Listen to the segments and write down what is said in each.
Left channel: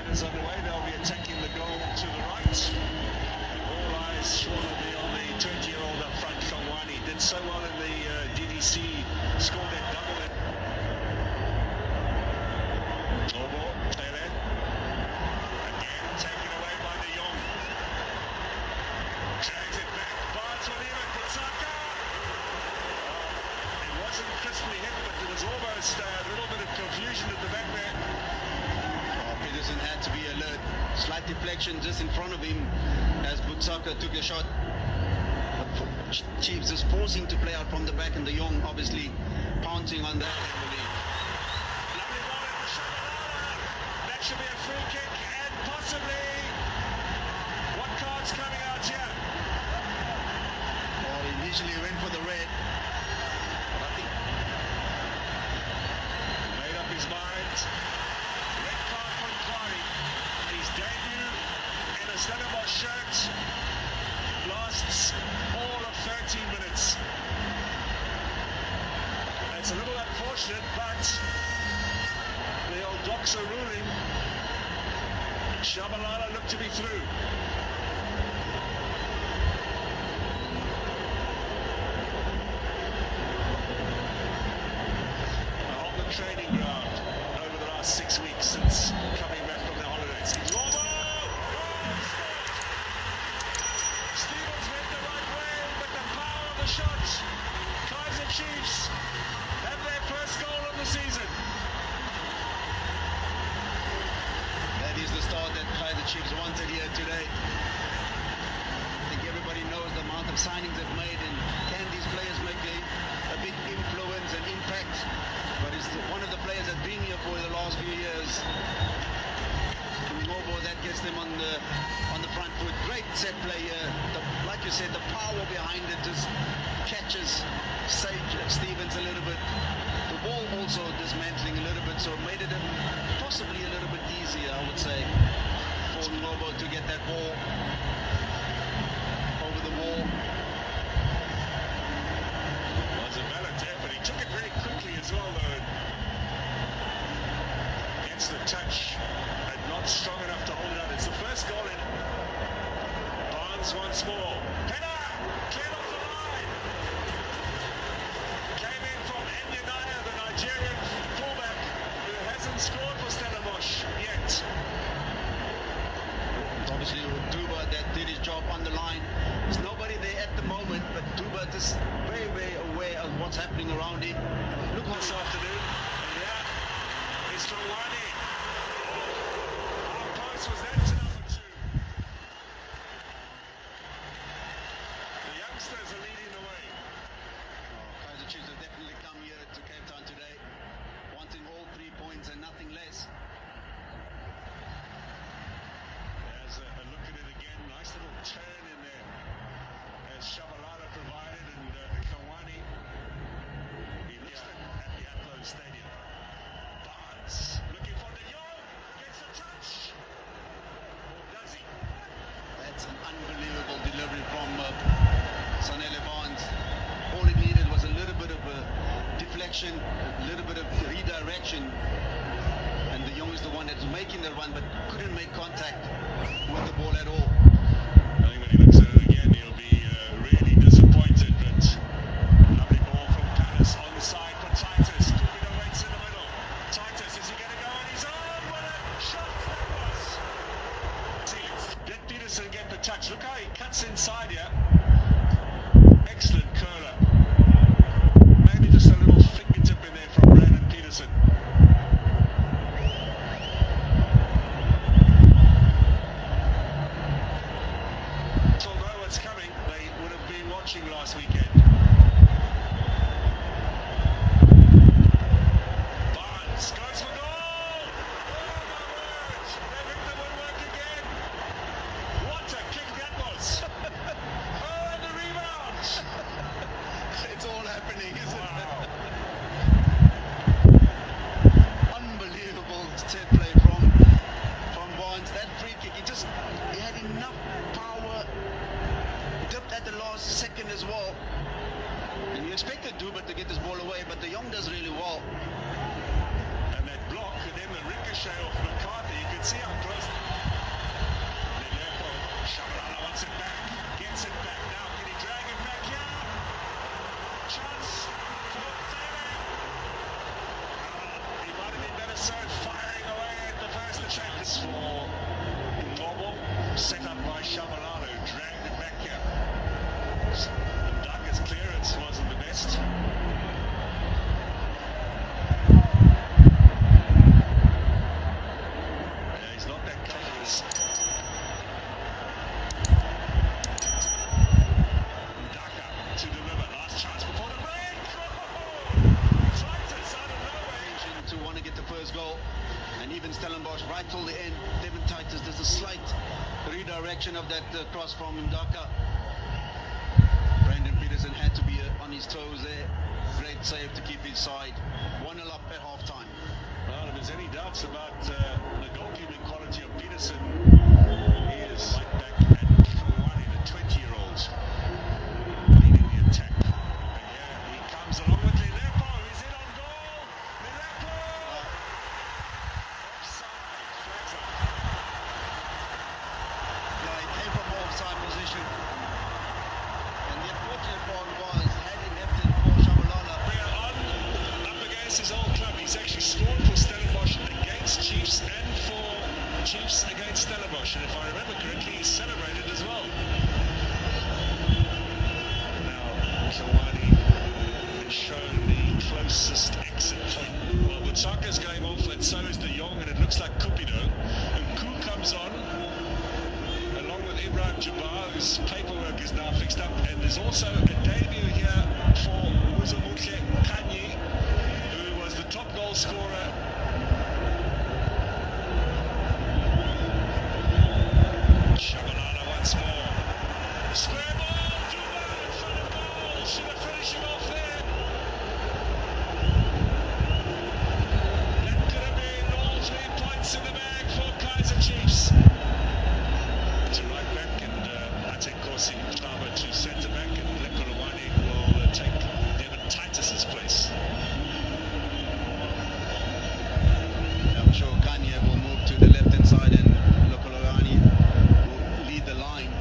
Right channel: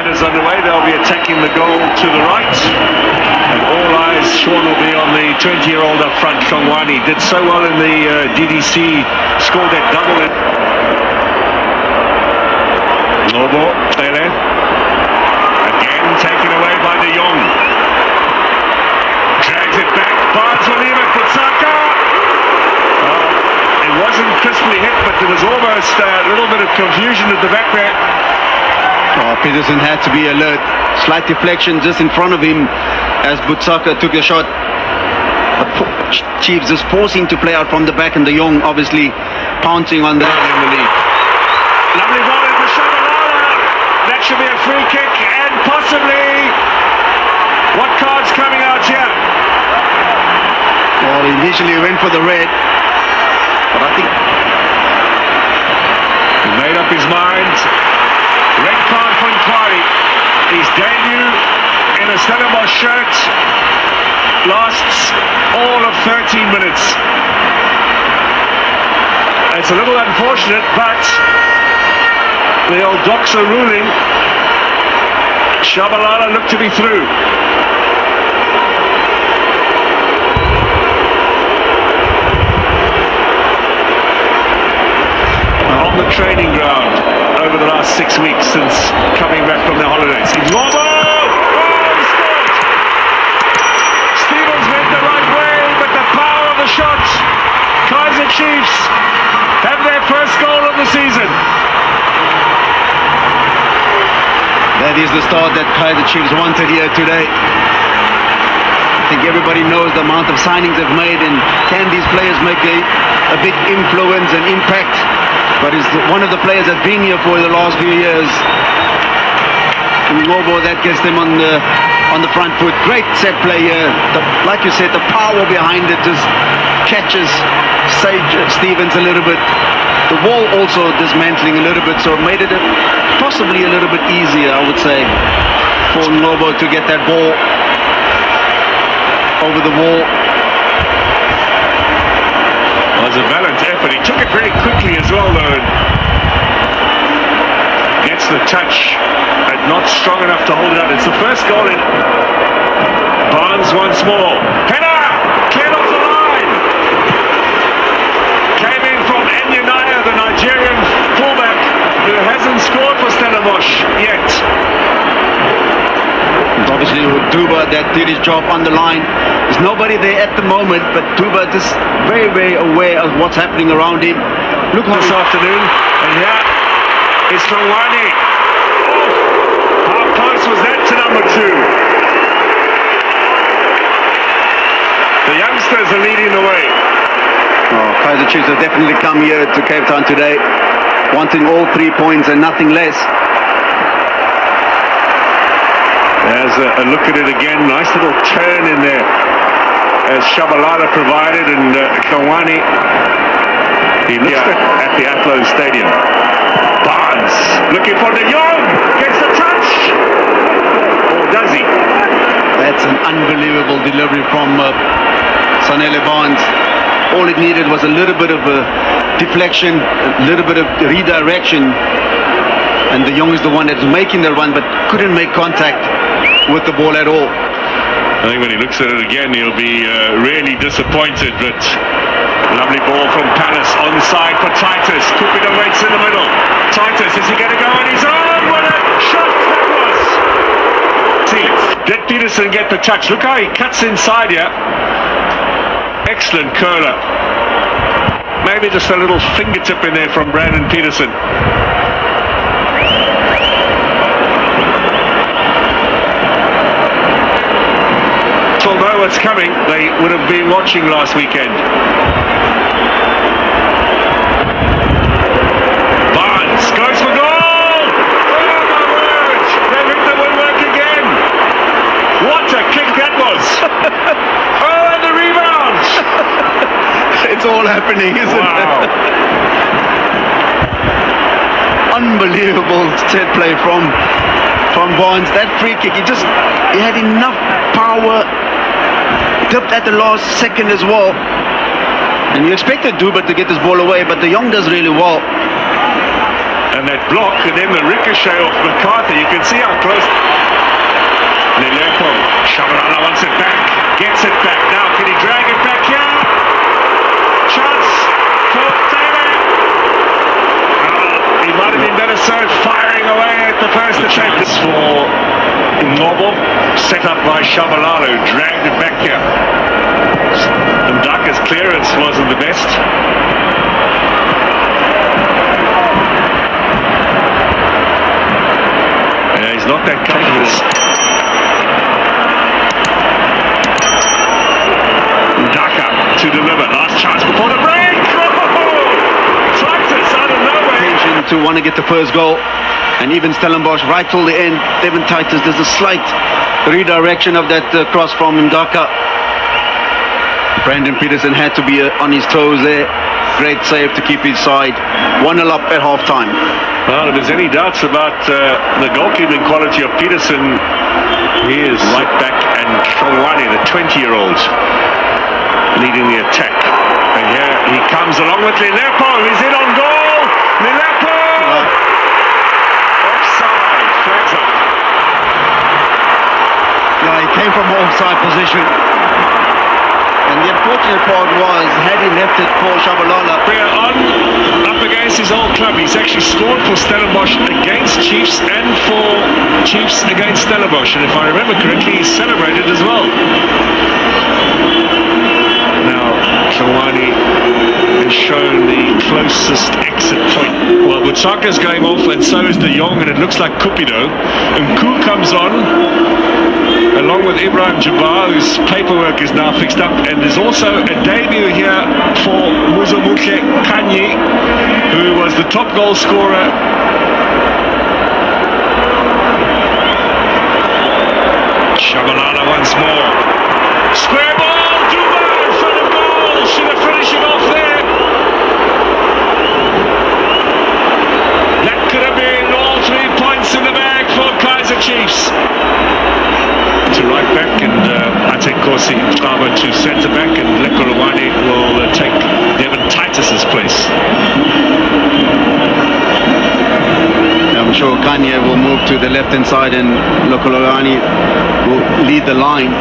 That is underway. They'll be attacking the goal to the right. And all eyes, Sean, will be on the 20-year-old up front, Kongwani. Did so well in the DDC, scored that double. Nobo, Tele. Again taken away by De Jong. Drags it back. Barnes will leave it. Kutsaka. It wasn't crisply hit, but there was almost a little bit of confusion at the back there. Oh, Peterson had to be alert. Slight deflection just in front of him as Butsaka took the shot. But Chiefs is forcing to play out from the back, and De Jong obviously pouncing on that in the lead. Lovely ball in for Shabalala. That should be a free kick, and possibly what card's coming out here? Well, initially he went for the red, but I think he made up his mind. Red card for Nkwari. His debut in a Stellenbosch shirt lasts all of 13 minutes. It's a little unfortunate, but the old Doxa ruling, Shabalala looked to be through. On the training ground over the last 6 weeks since coming back from their holidays. It's Robo! Oh, he scored! Stevens went the right way, but the power of the shot. Kaizer Chiefs have their first goal of the season. that is the start that Kaizer Chiefs wanted here today. I think everybody knows the amount of signings they've made, and can these players make a big influence and impact? But is one of the players that's been here for the last few years. Ngobo, that gets them on the front foot. Great set play here. Like you said, the power behind it just catches Stevens a little bit. The wall also dismantling a little bit, so it made it possibly a little bit easier, I would say, for Ngobo to get that ball over the wall. Well, it was a valiant effort. He took it very quickly as well, though. Gets the touch, but not strong enough to hold it out. It's the first goal in. Barnes once more. Header! Cleared off the line! Came in from Enyunaya, the Nigerian fullback, who hasn't scored for Stellenbosch yet. It's obviously Duba that did his job on the line. There's nobody there at the moment, but Duba just very, very aware of what's happening around him. Look this afternoon, and here is Kongwani. Oh, how close was that to number 2? The youngsters are leading the way. Oh, Kaizer Chiefs have definitely come here to Cape Town today, wanting all 3 points and nothing less. There's a look at it again. Nice little turn in there as Shabalala provided, and Kongwani, he looks at the Athlone Stadium. Barnes looking for De Jong, gets the touch, or does he? That's an unbelievable delivery from Sanele Barnes. All it needed was a little bit of a deflection, a little bit of redirection, and De Jong is the one that's making the run but couldn't make contact with the ball at all. I think when he looks at it again, he'll be really disappointed, but lovely ball from Palace onside for Titus. Kupido waits in the middle. Titus, is he going to go on his own? What a shot that was! See, did Peterson get the touch? Look how he cuts inside here. Excellent curler. Maybe just a little fingertip in there from Brandon Peterson. Will know what's coming. They would have been watching last weekend. Barnes goes for goal! Oh my word! They think they will work again. What a kick that was! Oh, and the rebound! It's all happening, isn't it? Unbelievable set play from Barnes. That free kick, he had enough power. Dipped at the last second as well, and you expected Duba to get this ball away, but De Jong does really well. And that block, and then the ricochet off McCarthy. You can see how close. Lelepo, Shabalala wants it back, gets it back. Now, can he drag it back here? Chance for Taylor. He might have been better served firing away at the first attempt. This for Noble, set up by Shabalala, who dragged it back here. Ndaka's clearance wasn't the best. Yeah, he's not that comfortable. To deliver, last chance before the break. Titus out of nowhere. To want to get the first goal, and even Stellenbosch right till the end. Devin Titus, there's a slight redirection of that cross from Ndaka. Brandon Peterson had to be on his toes there. Great save to keep his side 1-0 up at half time. Well, if there's any doubts about the goalkeeping quality of Peterson, he is right back, and Shawani, the 20-year-old, leading the attack. And here he comes along with Lelepo. He's in on goal. Lelepo! Offside. Flags up. Yeah, he came from offside position. And the unfortunate part was, had he left it for Shabalala. On, up against his old club. He's actually scored for Stellenbosch against Chiefs and for Chiefs against Stellenbosch. And if I remember correctly, he celebrated as well. Shawani has shown the closest exit point. Well, Butsaka's going off, and so is De Jong, and it looks like Cupido. And Ku comes on, along with Ibrahim Jabbar, whose paperwork is now fixed up. And there's also a debut here for Muzomuke Kanye, who was the top goal scorer. Shabalala once more. Square ball! Should have finished it off there. That could have been all 3 points in the bag for Kaizer Chiefs. To right back, and Ate Kosi Taba to centre back, and Lekolowani will take Devin Titus's place. I'm sure Kanye will move to the left-hand side, and Lekolowani will lead the line.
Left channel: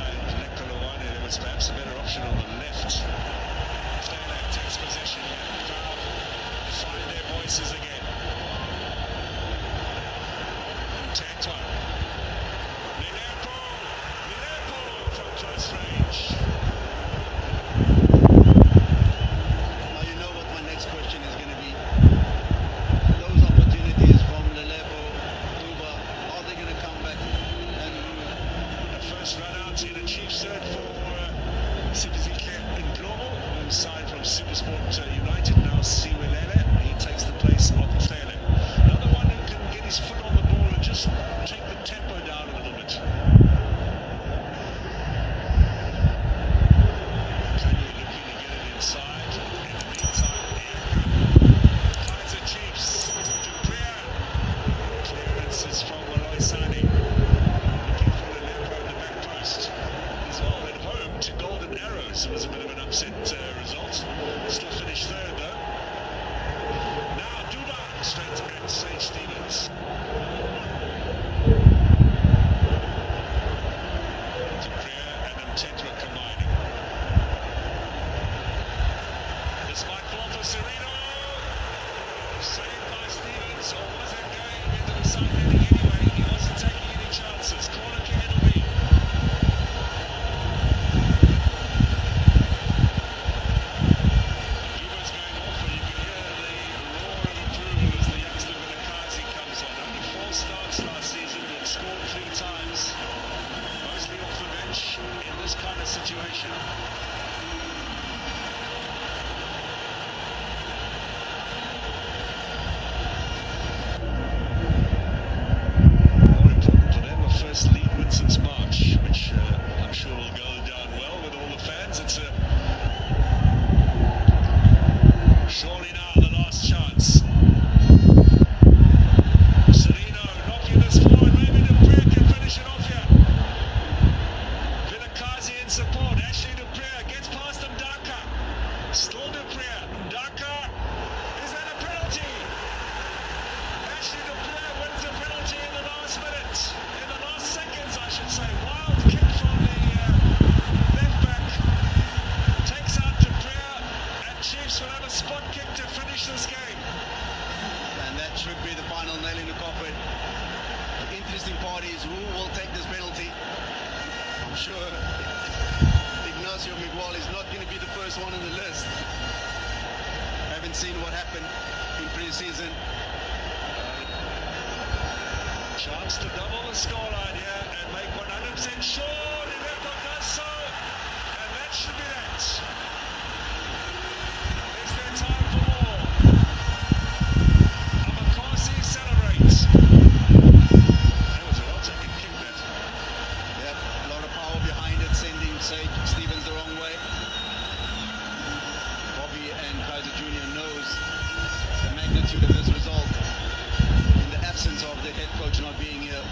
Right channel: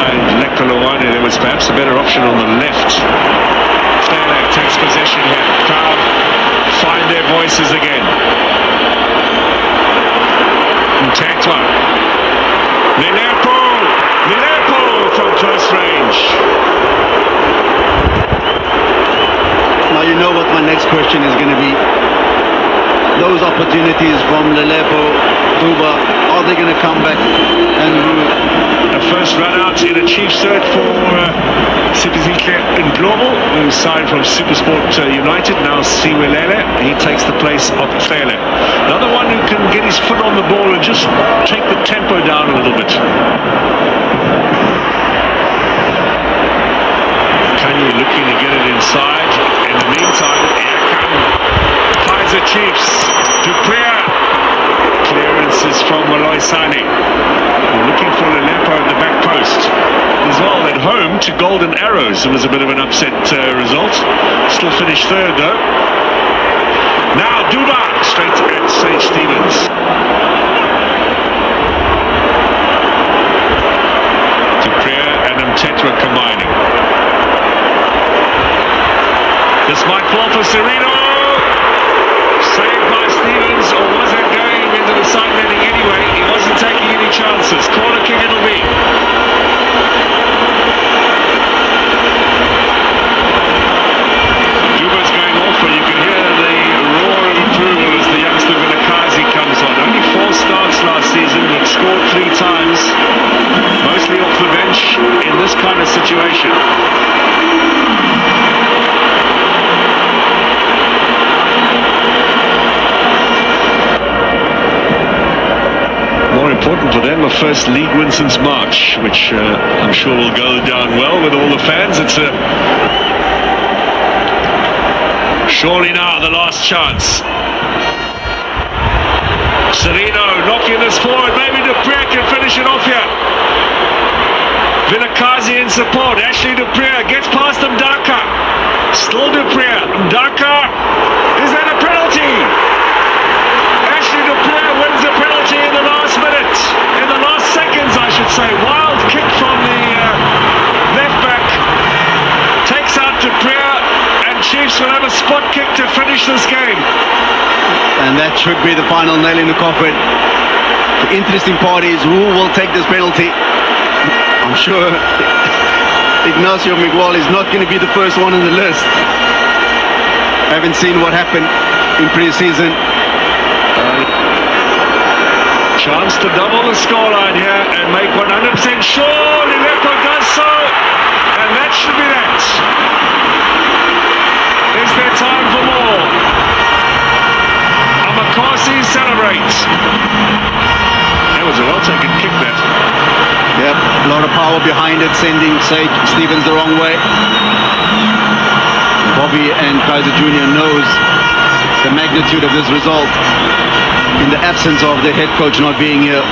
And Lekolowani, there was perhaps a better option on the left. Taylor takes possession here. Crowd find their voices again. Ntatwa. Lelepo from close range. Now you know what my next question is going to be. Those opportunities from Lelepo, Duba, are they going to come back and first run out in a Chiefs third for Substitutions Global, who signed from Supersport United, now Siwelele. He takes the place of Taylor. Another one who can get his foot on the ball and just take the tempo down a little bit. Kanye looking to get it inside. In the meantime, Kaizer Chiefs, Dupree. Clearances from Maloisani. Looking for Lelepo at the back post. As well at home to Golden Arrows. It was a bit of an upset result. Still finished third though. Now Duba straight at St. Stephen's. Dupree and Mtetwa combining. This might fall for Sereno. Saved by Stevens, or was it going into the side netting anyway? He wasn't taking any chances. Corner kick it'll be. Duba's going off, and you can hear the roar of approval as the youngster Vilakazi comes on. Only 4 starts last season, but scored 3 times, mostly off the bench in this kind of situation. Important for them, a first league win since March, which I'm sure will go down well with all the fans. It's surely now the last chance. Sereno knocking this forward, maybe Dupree can finish it off here. Vilakazi in support, Ashley Dupree gets past Ndaka. Still Dupree, Ndaka, is that a penalty? this game. And that should be the final nail in the coffin. The interesting part is who will take this penalty. I'm sure Ignacio Miguel is not going to be the first one on the list. Haven't seen what happened in pre-season. Chance to double the scoreline here and make 100% sure Liverpool does so, and that should be that. Is there time for more? Amakosi celebrates. That was a well-taken kick, that. Yep, a lot of power behind it, sending Sage Stevens the wrong way. Bobby and Kaizer Jr. knows the magnitude of this result in the absence of the head coach not being here.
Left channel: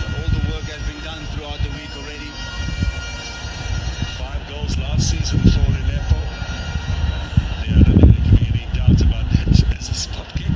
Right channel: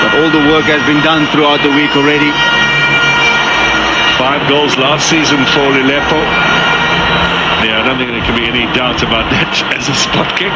But all the work has been done throughout the week already. 5 goals last season for Liverpool. Yeah, I don't think there can be any doubt about that as a spot kick.